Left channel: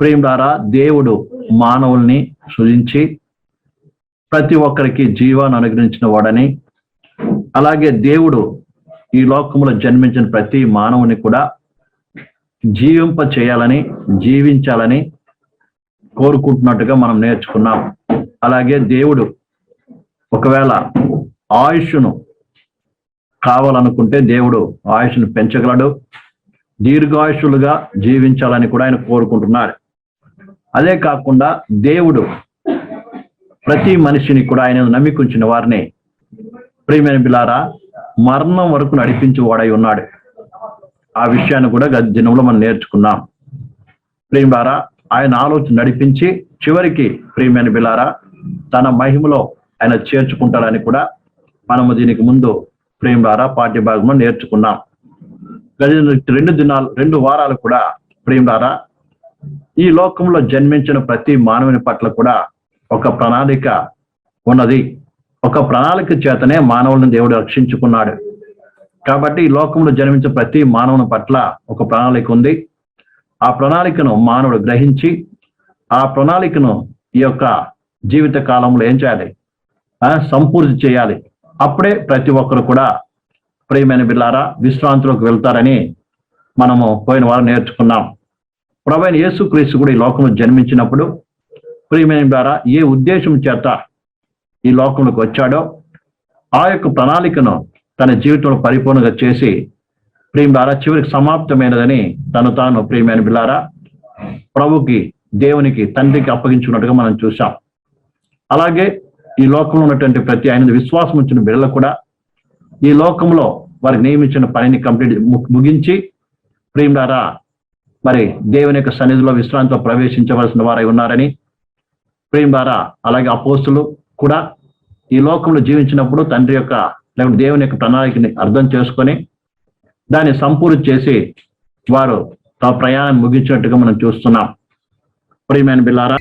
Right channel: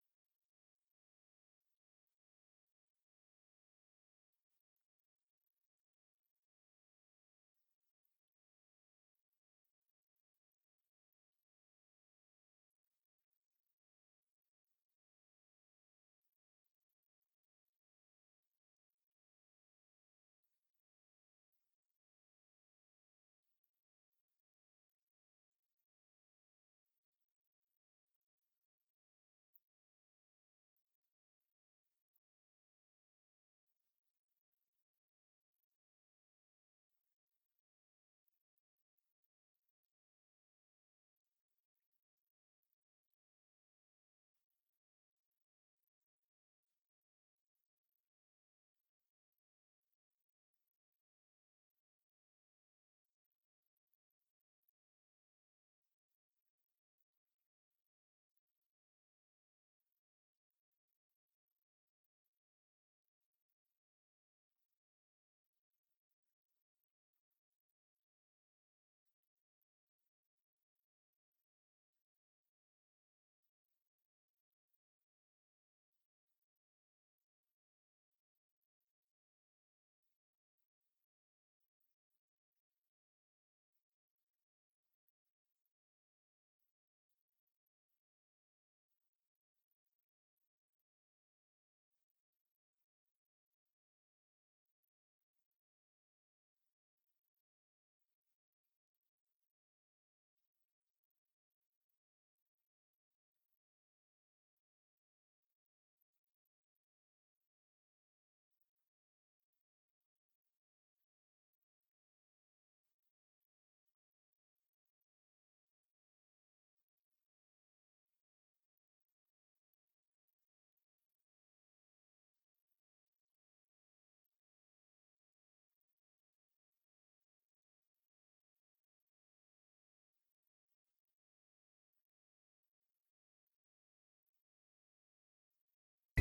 ప్రేమ ద్వారా దేవుడు మానవుల్ని సృజించి ప్రతి ఒక్కరికి జీవాన్ని అనుగ్రహించిన వాడని. అలాగే దేవుడు ఈ లోకంలో జన్మించిన ప్రతి మానవుని కూడా జీవింప చేయాలని జీవించాలని కోరుకుంటున్నట్టుగా మనం నేర్చుకున్నాం. అలాగే దేవుడు ఒకవేళ ఆయుష్ను కావాలనుకుంటే దేవుడు ఆయుష్ను పెంచగలడు. దీర్ఘాయుషులుగా జీవించాలని కూడా ఆయన కోరుకుంటున్నాడు అదే కాకుండా దేవుడు ప్రతి మనిషిని కూడా ఆయన నమ్మికుంచిన వారిని ప్రియమైన బిలారా మరణం వరకు నడిపించి వాడై ఉన్నాడు. ఆ విషయాన్ని కూడా గత దినంలో మనం నేర్చుకున్నాం. ప్రియులారా ఆయన ఆలోచన నడిపించి చివరికి ప్రియమైన బిలారా తన మహిమలో ఆయన చేర్చుకుంటాడని కూడా మనము దీనికి ముందు ప్రియులారా పాఠ్య భాగంలో నేర్చుకున్నాం. గది రెండు దినాలు రెండు వారాలు కూడా ప్రియులారా ఈ లోకంలో జన్మించిన ప్రతి మానవుని పట్ల కూడా ఒక ప్రణాళిక ఉన్నది. ఒక ప్రణాళిక చేతనే మానవులను దేవుడు రక్షించుకున్నాడు. కాబట్టి ఈ లోకంలో జన్మించిన ప్రతి మానవుని పట్ల ఒక ప్రణాళిక ఉంది. ఆ ప్రణాళికను మానవుడు గ్రహించి ఆ ప్రణాళికను ఈ యొక్క జీవిత కాలంలో ఏం చేయాలి? సంపూర్తి చేయాలి. అప్పుడే ప్రతి ఒక్కరు కూడా ప్రియమైన బిల్లారా విశ్రాంతిలోకి వెళ్తారని మనము పోయిన వారం నేర్చుకున్నాం. ప్రభైన యేసుక్రీస్తు కూడా ఈ లోకంలో జన్మించినప్పుడు ప్రియమైన ద్వారా ఏ ఉద్దేశం చేత ఈ లోకంలోకి వచ్చాడో ఆ యొక్క ప్రణాళికను తన జీవితంలో పరిపూర్ణంగా చేసి ప్రేమ ద్వారా చివరికి సమాప్తమైనదని తను తాను ప్రియమైన బిల్లారా ప్రభుకి దేవునికి తండ్రికి అప్పగించుకున్నట్టుగా మనం చూసాం అలాగే ఈ లోకంలో ఉన్నటువంటి ప్రతి ఆయన విశ్వాసం ఉంచిన బిడ్డలు కూడా ఈ లోకంలో వారికి నియమించిన పనిని కంప్లీట్ ముగించి ప్రేమ ద్వారా మరి దేవుని యొక్క సన్నిధిలో విశ్రాంతిలో ప్రవేశించవలసిన వారై ఉన్నారని ప్రేమ ద్వారా అలాగే అపోస్తులు కూడా ఈ లోకంలో జీవించినప్పుడు తండ్రి యొక్క లేకపోతే దేవుని యొక్క ప్రణాళికని అర్థం చేసుకొని దాన్ని సంపూర్తి చేసి వారు తమ ప్రయాణం ముగించినట్టుగా మనం చూస్తున్నాం. ప్రియమైన బిల్లారా